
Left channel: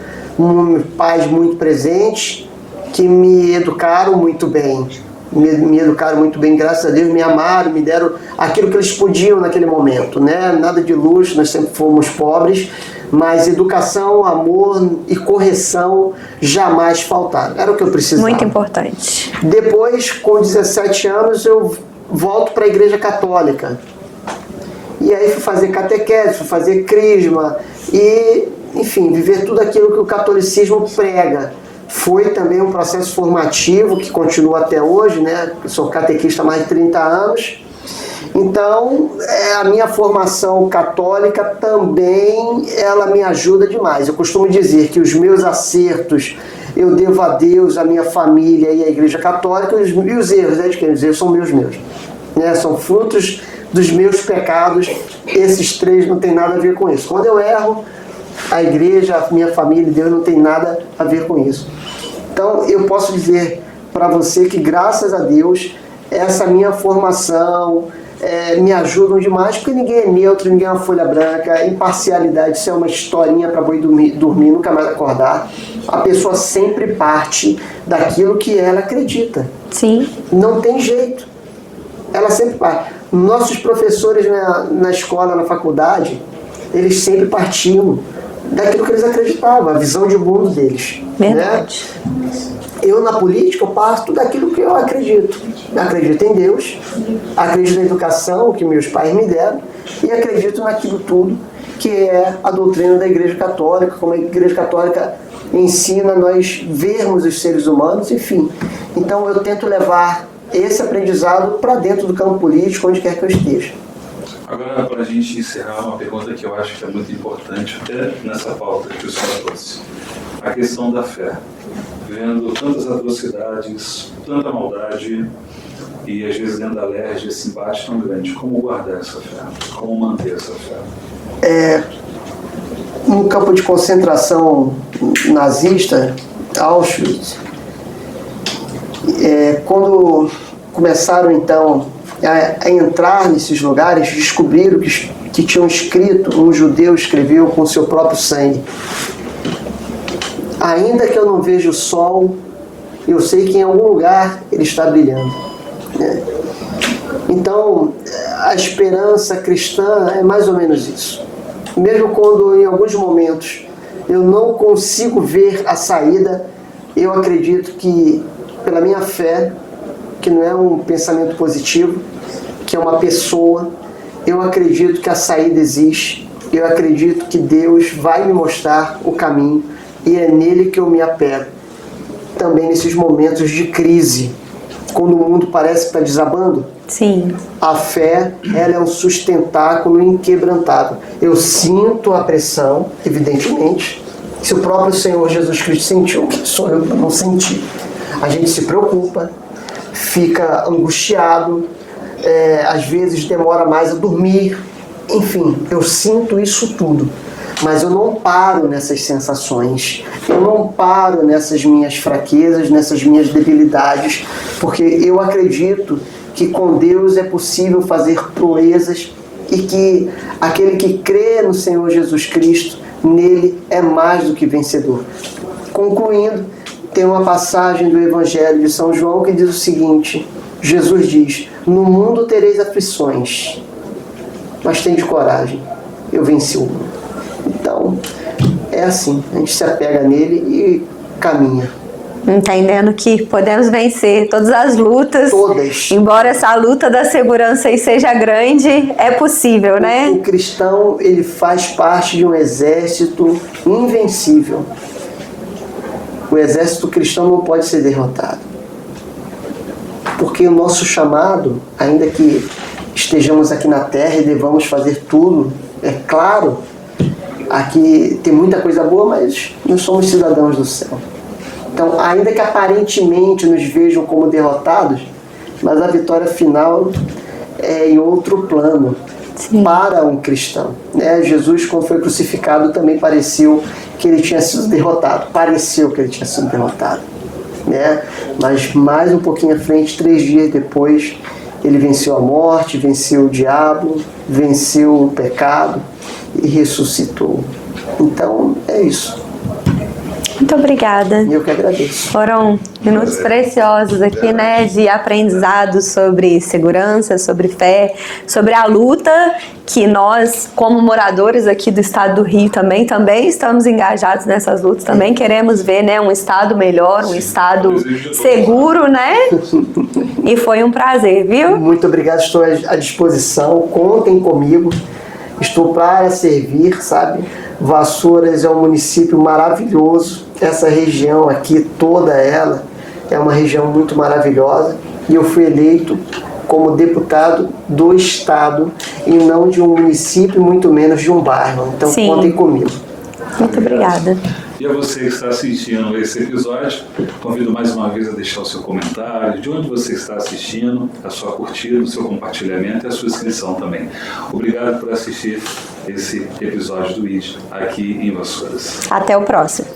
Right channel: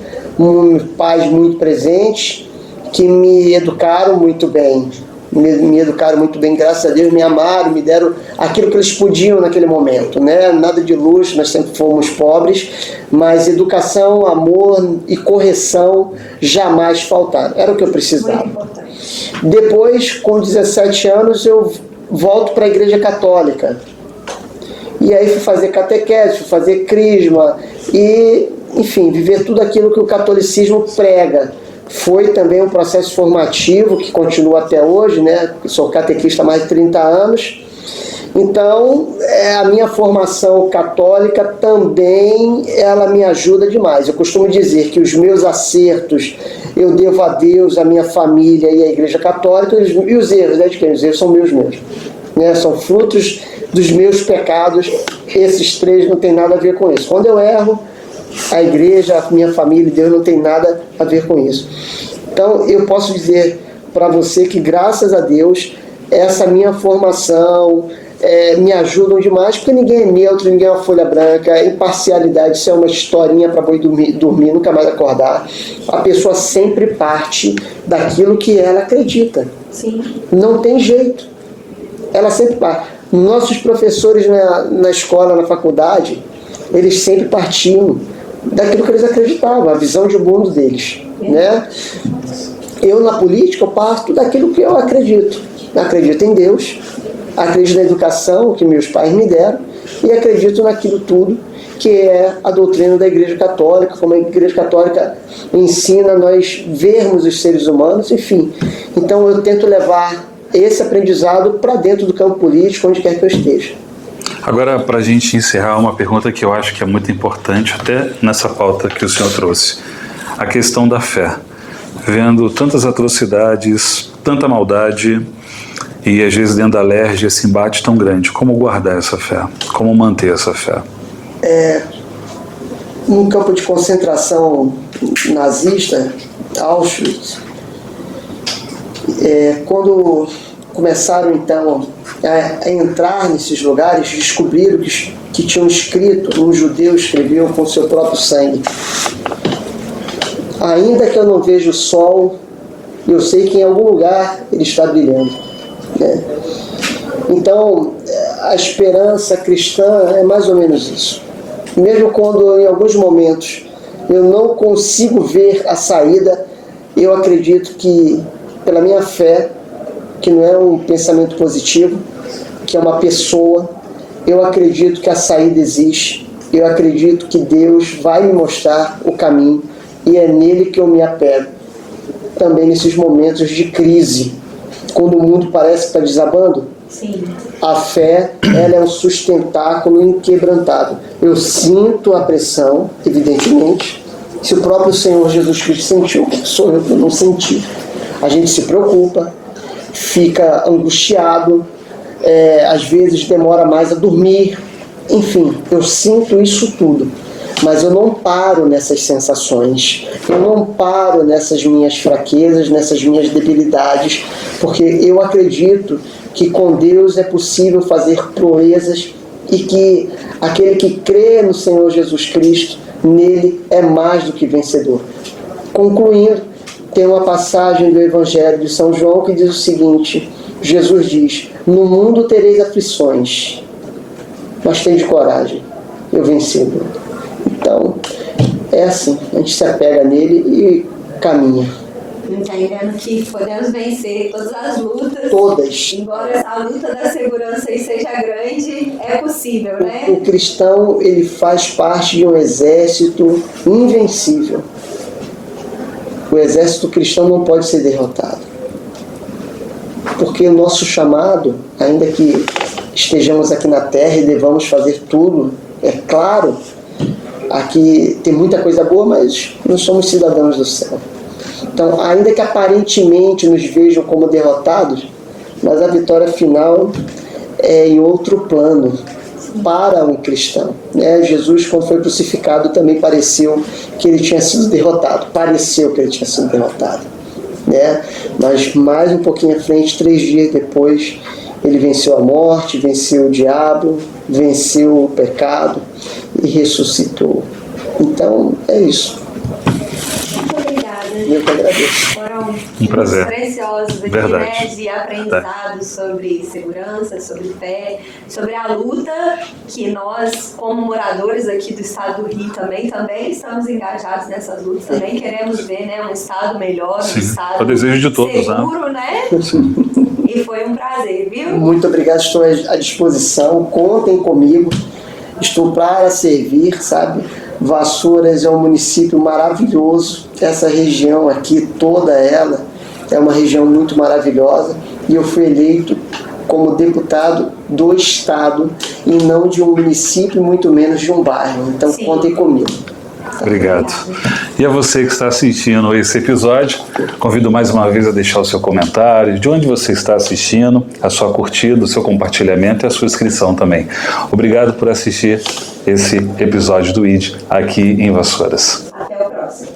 pais muito presentes, que me educaram muito bem. Me educaram muito bem, graças a Deus, me amaram, me deram aquilo que eles podiam naquele momento, né? Nada de luxo, nós sempre fomos pobres, mas educação, amor e correção jamais faltaram. Era o que eu precisava. Muito importante. Depois, com 17 anos, eu volto para a Igreja Católica. E aí fui fazer catequese, fui fazer crisma e, enfim, viver tudo aquilo que o catolicismo prega. Foi também um processo formativo que continua até hoje, né? Eu sou catequista há mais de 30 anos. Então, a minha formação católica também, ela me ajuda demais. Eu costumo dizer que os meus acertos eu devo a Deus, a minha família e a Igreja Católica, e os erros, né, de quem? Os erros são meus, né? São frutos dos meus pecados. Esses três não tem nada a ver com isso. Quando eu erro, a igreja, a minha família e Deus não tem nada a ver com isso. Então, eu posso dizer para você que, graças a Deus, essa minha formação me ajudam demais, porque ninguém é neutro, ninguém é uma folha branca. Imparcialidade, isso é uma historinha para boi dormir, nunca mais acordar. A pessoa sempre parte daquilo que ela acredita. Sim. Não tem jeito. Ela sempre parte. Nossos professores na escola, na faculdade, eles sempre partiam daquilo que eles acreditavam, a visão de mundo deles. Verdade. Né? Eu, na política, eu parto daquilo que eu acredito. Eu acredito em Deus, acredito na educação que meus pais me deram e acredito naquilo tudo que é a doutrina da Igreja Católica, como a Igreja Católica ensina nós vermos os seres humanos, enfim. Então eu tento levar esse aprendizado para dentro do campo político, onde quer que eu esteja. Agora, para a gente encerrar, uma pergunta que eu acho que é muito importante, até nessa pauta que o senhor trouxe. A questão da fé. Vendo tantas atrocidades, tanta maldade e às vezes dentro da alergia esse embate tão grande, como guardar essa fé? Como manter essa fé? Num campo de concentração nazista, Auschwitz, quando começaram então a entrar nesses lugares, descobriram que tinham escrito, um judeu escreveu com seu próprio sangue: ainda que eu não veja o sol, eu sei que em algum lugar ele está brilhando. Né? Então, a esperança cristã é mais ou menos isso. Mesmo quando em alguns momentos eu não consigo ver a saída, eu acredito que, pela minha fé, que não é um pensamento positivo, que é uma pessoa, eu acredito que a saída existe, eu acredito que Deus vai me mostrar o caminho e é nele que eu me apego. Também nesses momentos de crise, quando o mundo parece que está desabando, sim, a fé, ela é um sustentáculo inquebrantável. Eu sinto a pressão, evidentemente. Se o próprio Senhor Jesus Cristo sentiu, quem sou eu para não sentir? A gente se preocupa, fica angustiado, às vezes demora mais a dormir. Enfim, eu sinto isso tudo. Mas eu não paro nessas sensações, eu não paro nessas minhas fraquezas, nessas minhas debilidades, porque eu acredito que com Deus é possível fazer proezas e que aquele que crê no Senhor Jesus Cristo, nele é mais do que vencedor. Concluindo, tem uma passagem do Evangelho de São João que diz o seguinte: Jesus diz: no mundo tereis aflições, mas tende coragem, eu venci o mundo. Então, é assim, a gente se apega nele e caminha. Entendendo que podemos vencer todas as lutas. Todas. Embora essa luta da segurança aí seja grande, é possível, né? O cristão, ele faz parte de um exército invencível. O exército cristão não pode ser derrotado. Porque o nosso chamado, ainda que estejamos aqui na terra e devamos fazer tudo, é claro, aqui tem muita coisa boa, mas nós somos cidadãos do céu. Então, ainda que aparentemente nos vejam como derrotados, mas a vitória final é em outro plano. Sim. Para um cristão. Né? Jesus, quando foi crucificado, também pareceu que ele tinha sido derrotado. Pareceu que ele tinha sido derrotado. né? Mas mais um pouquinho à frente, 3 dias depois, ele venceu a morte, venceu o diabo, venceu o pecado e ressuscitou. Então, é isso. Muito obrigada. Eu que agradeço. Foram minutos prazer. preciosos aqui, Verdade. né? De aprendizado sobre segurança, sobre fé, sobre a luta que nós, como moradores aqui do estado do Rio também estamos engajados nessas lutas, também queremos ver, né, um estado melhor, um Sim, estado é o desejo de todos, seguro, né? E foi um prazer, viu? Muito obrigado, estou à disposição, contem comigo, estou para servir, sabe? Vassouras é um município maravilhoso, essa região aqui, toda ela, é uma região muito maravilhosa e eu fui eleito como deputado do estado e não de um município, muito menos de um bairro, então Sim. contem comigo. Muito Obrigado. obrigada. E a você que está assistindo esse episódio, convido mais uma vez a deixar o seu comentário, de onde você está assistindo, a sua curtida, o seu compartilhamento e a sua inscrição também. Obrigado por assistir esse episódio do ID aqui em Vassouras. Até o próximo.